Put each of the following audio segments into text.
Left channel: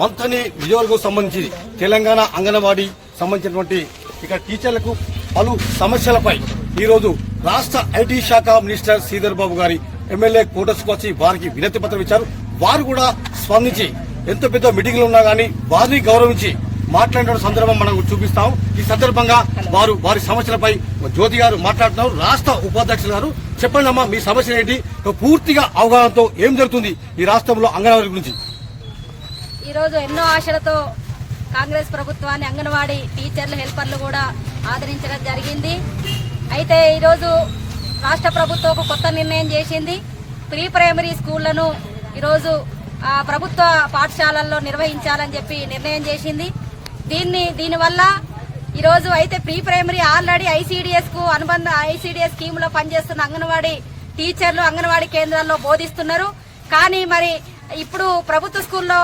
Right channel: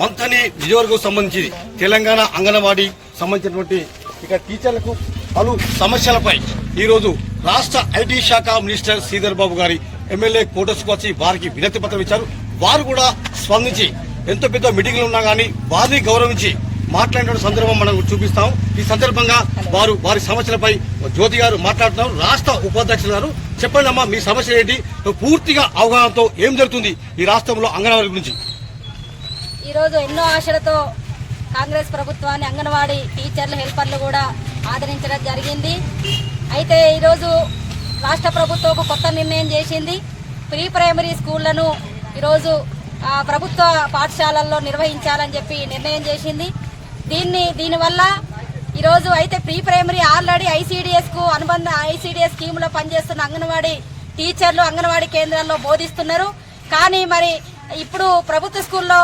మంతని నియోజకవర్గం సంబంధించి తెలంగాణ అంగన్వాడీ సంబంధించినటువంటి ఇక్కడ టీచర్లకు పలు సమస్యలపై ఈరోజు రాష్ట్ర ఐటీ శాఖ మినిస్టర్ శ్రీధర్ బాబు గారి ఎమ్మెల్యే కోటర్స్కు వచ్చి వారికి వినతి పత్రం ఇచ్చారు. వారు కూడా స్పందించి ఎంత పెద్ద మీటింగ్లు ఉన్నా గానీ వారిని గౌరవించి మాట్లాడిన సందర్భం మనం చూపిస్తాం. ఈ సందర్భంగా వారు వారి సమస్యలపై జ్యోతి గారు మాట్లాడుతున్నారు. రాష్ట్ర ఉపాధ్యక్షులు గారు చెప్పండి అమ్మా మీ సమస్యలు ఏంటి? పూర్తిగా అవగాహనతో ఏం జరుగుతుంది ఈ రాష్ట్రంలో అంగన్వాడీ గురించి? ఈరోజు ఎన్నో ఆశలతో కాంగ్రెస్ ప్రభుత్వాన్ని అంగన్వాడీ టీచర్లు హెల్పర్లు కూడా ఆదరించడం జరిగింది. అయితే ఈరోజు రాష్ట్ర ప్రభుత్వం ఒక కొత్త నిర్ణయం చేసింది. ప్రీ ప్రైమరీ స్కూళ్ళను ఈరోజు ప్రభుత్వ పాఠశాలల్లో నిర్వహించాలని చెప్పి నిర్ణయం చేసింది. దీన్ని దీనివల్ల ఈరోజు అయితే ప్రీ ప్రైమరీ ఆల్రెడీ ఐసీడీఎస్కు అనుబంధ ఐసీడీఎస్ స్కీమ్లో పనిచేస్తున్న అంగన్వాడీ టీచర్లు అంగన్వాడీ కేంద్రాల్లో బోధిస్తున్నారు. కానీ మరి ఇప్పుడు ప్రభుత్వ స్కూల్లో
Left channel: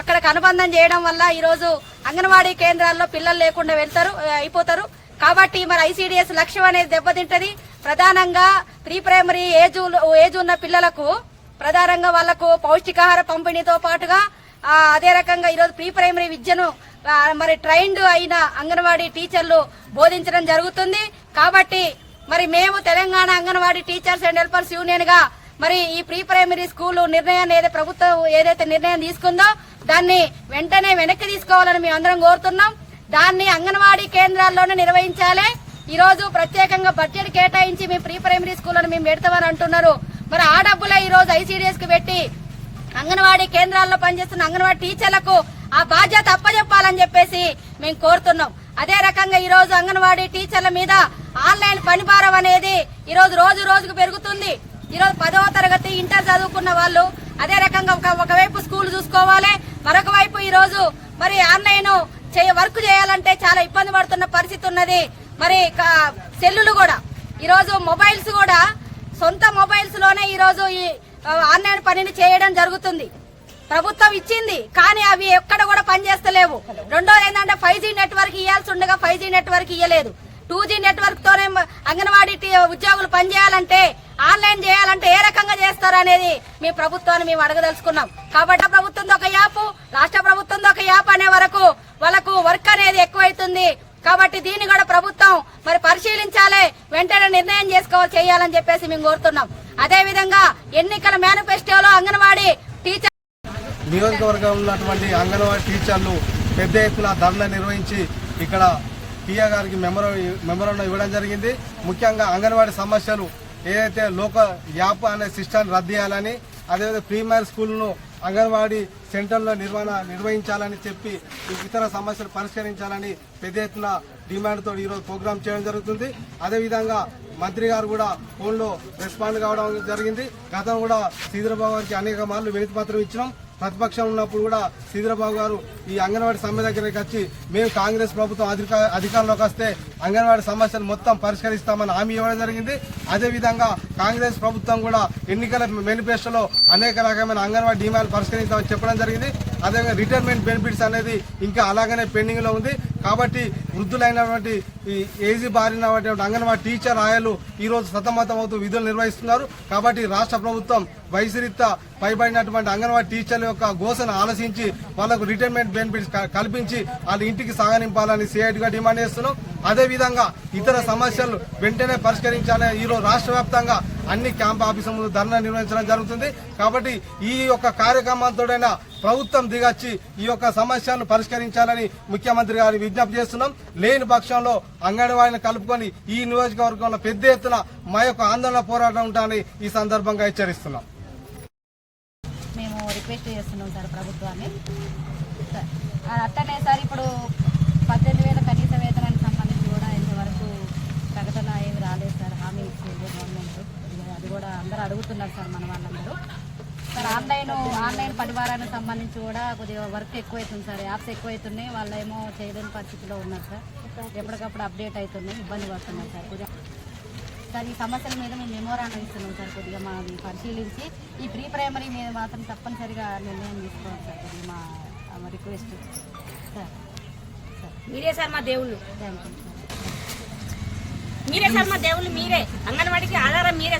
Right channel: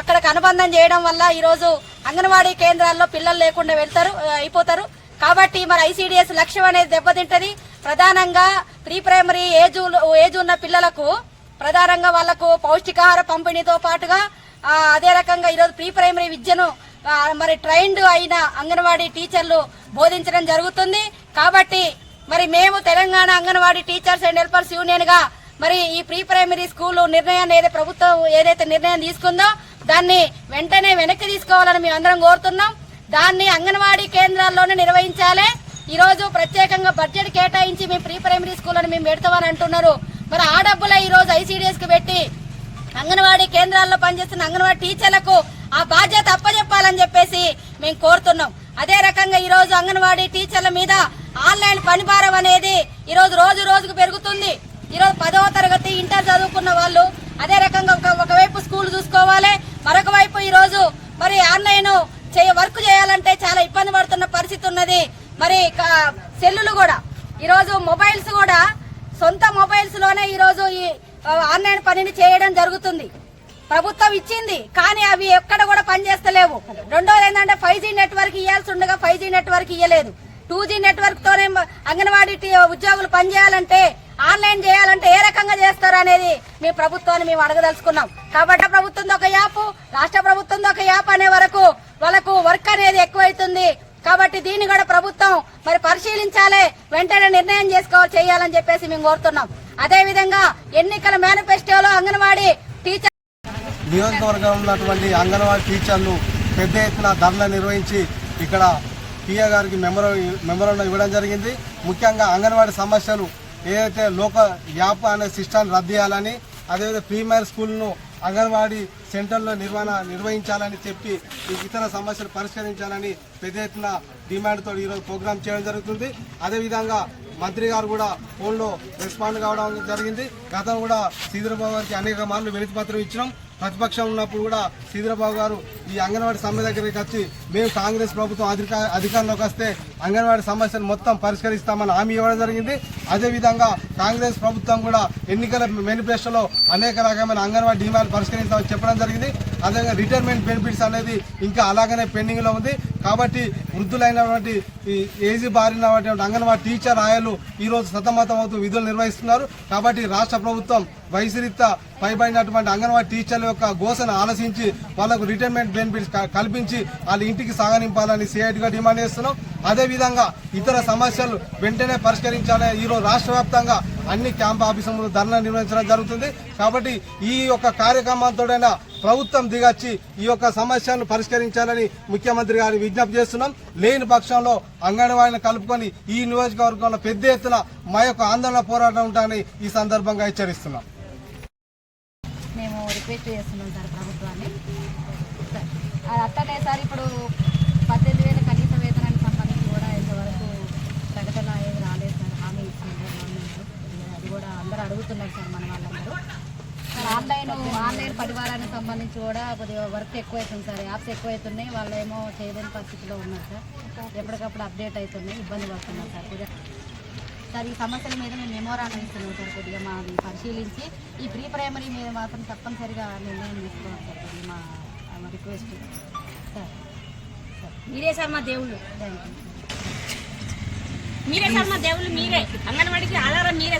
అక్కడికి అనుబంధం చేయడం వల్ల ఈరోజు అంగన్వాడీ కేంద్రాల్లో పిల్లలు లేకుండా వెళ్తారు అయిపోతారు. కాబట్టి మరి ఐసీడీఎస్ లక్ష్యం అనేది దెబ్బతింటది. ప్రధానంగా ప్రీ ప్రైమరీ ఏజ్ ఏజ్ ఉన్న పిల్లలకు ప్రధానంగా వాళ్ళకు పౌష్టికాహార పంపిణీతో పాటుగా అదే రకంగా ఈరోజు ప్రీ ప్రైమరీ విద్యను మరి ట్రైన్డ్ అయిన అంగన్వాడీ టీచర్లు బోధించడం జరుగుతుంది. కాబట్టి మరి మేము Telangana Anganwadi teachers and helpers యూనియన్గా మరి ఈ ప్రీ ప్రైమరీ స్కూల్ నిర్ణయాన్ని ఏదైతే ప్రభుత్వం ఏదైతే నిర్ణయం తీసుకుందో దాన్ని వెంటనే వెనక్కి తీసుకోవాలని మేము అందరం కోరుతున్నాం. దాన్ని అంగన్వాడీ కేంద్రాల్లోనే నిర్వహించాలి. ఈ రోజు ప్రత్యేకంగా బడ్జెట్ కేటాయించి మేము ప్రీ ప్రైమరీ స్కూళ్ళను మేము పెడతామని అంటున్నారు. మరి ఆ డబ్బులే ఈ రోజు ఐసీడీఎస్కి పెట్టి అంగన్వాడీ కేంద్రాల్లో పనిచేస్తున్న అంగన్వాడీ టీచర్లకు ఆ బాధ్యత అప్పచెప్పాలని చెప్పేసి మేము కోరుతున్నాం. అదే రకంగా ఈ రోజు అంగన్వాడీ టీచర్ల మీద ఆన్లైన్ పనిభారం అనేది ఈ రోజు రోజు రోజుకు పెరుగుతుంది. ఈ రోజు పదవ తరగతి ఇంటర్ చదువుకున్న వాళ్ళు అదే రకంగా ఒక ఒకవైపు స్కూల్ చూసుకోవాలి. మరొక వైపు ఈ రోజు మరి ఆన్లైన్ చేయ వర్క్ చేయాలంటే చాలా ఇబ్బంది పడుతున్న పరిస్థితి ఉన్నది. మరి సెల్లులు కూడా. ఈరోజు మొబైల్స్ కూడా సొంత మొబైల్స్లోనే ఈ ఈ ఆన్లైన్ పనిని చేయడం జరుగుతుంది. ప్రభుత్వం ఇచ్చింది కానీ అవి ఎక్కడ కూడా పనిచేస్తలేవు. రెండోది ఏంటంటే ఫైవ్ జీ నెట్వర్క్ ఇవ్వాల్సి ఉండగా ఫైవ్ జీ నెట్వర్క్ ఇవ్వలేదు టూ జీ నెట్వర్క్ తోనే అంగన్వాడీ టీ- ఉద్యోగులు పనిచేయాలంటే ఆన్లైన్ చేయాలంటే ఏ రకంగా చేస్తారు అనేది మీ ప్రభుత్వాన్ని మేము అడగదలుచుకున్నాం. కాబట్టి ప్రభుత్వం ఒక యాప్ రాష్ట్ర ప్రభుత్వం ఒక యాప్ అనే వరకు వాళ్ళకు వర్క్ అనేది ఎక్కువైతుంది. కాబట్టి దీన్ని కూడా ప్రభుత్వం మరి పరిశీలించాలి. వెంటనే నిర్ణయం చేసుకోవాలి చేయాలని చెప్పేసి మేము కోరుతున్నాం. అదే విధంగా ఎన్నికల మేనిఫెస్టోలో అంగన్వాడీ టీచర్ నియోజకవర్గంలో ఉన్నటువంటి అంగన్వాడీ టీచర్లు పెద్ద ఎత్తున ధర్నా నిర్వహించి ఇక్కడ టీఆ గారికి మెమరో మెమోరం ఇవ్వడం జరిగింది. ముఖ్యంగా అంగన్వాడీ సమస్యలు ఏదైతే లోక యాప్ అనే సిస్టాన్ని రద్దు చేయాలని అదేవిధంగా ప్రీమియర్ స్కూల్ను అంగన్వాడీ సెంటర్లో నిర్వహణ నిర్వహించాలని చెప్పి ఇతర సమస్యలు పరిష్కరించాలని పెద్ద ఎత్తున డిమాండ్తో ఈరోజు ప్రోగ్రామ్ చేయడం జరుగుతుంది. అదేవిధంగా మంత్రి గారు కూడా ఫోన్లో రెస్పాండ్ కావడం జరిగింది. గతం కూడా శ్రీధరబాబు గారికి అనేక మార్లు వినతి పత్రం ఇచ్చినాం. ప్రతిపక్షం ఉన్నప్పుడు కూడా శ్రీధరబాబు గారు ఈ అంగన్వాడీ సమ్మె దగ్గరికి వచ్చి మేము కాంగ్రెస్ ప్రభుత్వం అధిక అధికారంలోకి వస్తే అంగన్వాడీ సమస్యలు మొత్తం పరిష్కరిస్తామని హామీ ఇవ్వడం జరిగింది. అదేవిధంగా కాంగ్రెస్ ప్రభుత్వం కూడా ఎన్నికల మేనిఫెస్టోలో అనేక రకమైన అంగన్వాడీ డిమాండ్ పరిష్కరిస్తామని చెప్పడం జరిగింది. అదేవిధంగా రిటైర్మెంట్ బెనిఫిట్స్ అనేది ఇంకా అలాగనే పెండింగ్లో ఉంది. కాబట్టి వృద్ధులైనటువంటి ఏజీ బారినటువంటి అంగన్వాడీ టీచర్ ఆయాలు ఈ రోజు సతమతం అవుతూ విధులు నిర్వహిస్తున్నారు. కాబట్టి రాష్ట్ర ప్రభుత్వం వయసురీత్యా పైబడినటువంటి అంగన్వాడీ టీచర్ల యొక్క గోసను ఆలోచించి వాళ్ళకు రిటైర్మెంట్ బెనిఫిట్స్ కల్పించి వాళ్ళ ఇంటికి సాగనింపాలని సిఐటిగా డిమాండ్ చేస్తున్నాం. అదేవిధంగా ఇతర సమస్యలు వెంటనే పరిష్కరించాలని ఈరోజు రాష్ట్ర వ్యాప్తంగా అన్ని క్యాంప్ ఆఫీసులు ధర్నా నిర్వహించడం జరుగుతుంది. కాబట్టి ఈ యొక్క కార్యక్రమంతోడైనా ప్రభుత్వం దిగచ్చి ఈ యొక్క సమస్యలను పరిష్కరించాలని ముఖ్యమంత్రి గారిని విజ్ఞప్తి చేస్తున్నాం. లేని పక్షంలో అంగన్వాడిని కలుపుకొని ఈ నియోజకవర్గంలో పెద్ద ఎత్తున మా యొక్క ఆందోళన పోరాటం ఉంటామని ఈ సందర్భంగా హెచ్చరిస్తున్నాం. మేము రిక్వెస్ట్ చేస్తున్నాం సార్ ప్రభుత్వాన్ని. అట్టనే సార్ ఇప్పుడు పద్దెనిమిది వేల కనీస వేతనానికి సంబంధించి కూడా ఇంతవరకు ప్రకటన ఏమి రాలేదు సార్ హామీ ఇచ్చింది గవర్నమెంట్ అది కూడా అందరూ అడుగుతున్నారు సార్ మన వాళ్ళందరూ. సార్ ఆన్లైన్ ఆన్లైన్ పరివారానికి సంబంధించి కూడా కొద్దిగా వర్క్ ఎక్కువైతుంది సార్. యాప్స్ ఎక్కువైతున్నాయి. వాళ్ళేమో చేయలేని పరిస్థితిలో ఉన్నారు సార్. ఎప్పటికప్పుడు అప్డేట్ అవుతున్నాయి ఇబ్బంది పడుతున్నారు సార్. కొద్దిగా సార్ ఈ సమస్యల మీద మేము మెమోరాండం ఇస్తున్నాం సార్ కొద్దిగా మాది పరిశీలించి. ఈ ప్రీ ప్రైమరీ మీద మాత్రం తప్పనిసరిగా నిర్ణయం తీసుకోవాలి సార్ కొద్దిగా మా రిక్వెస్ట్. Sir sir. మీరే సార్ మా దేవుళ్ళు. థ్యాంక్ యూ మీరే సార్ మా దేవుళ్ళు మీరే. అంగన్వాడికి ఆధారం మీరే.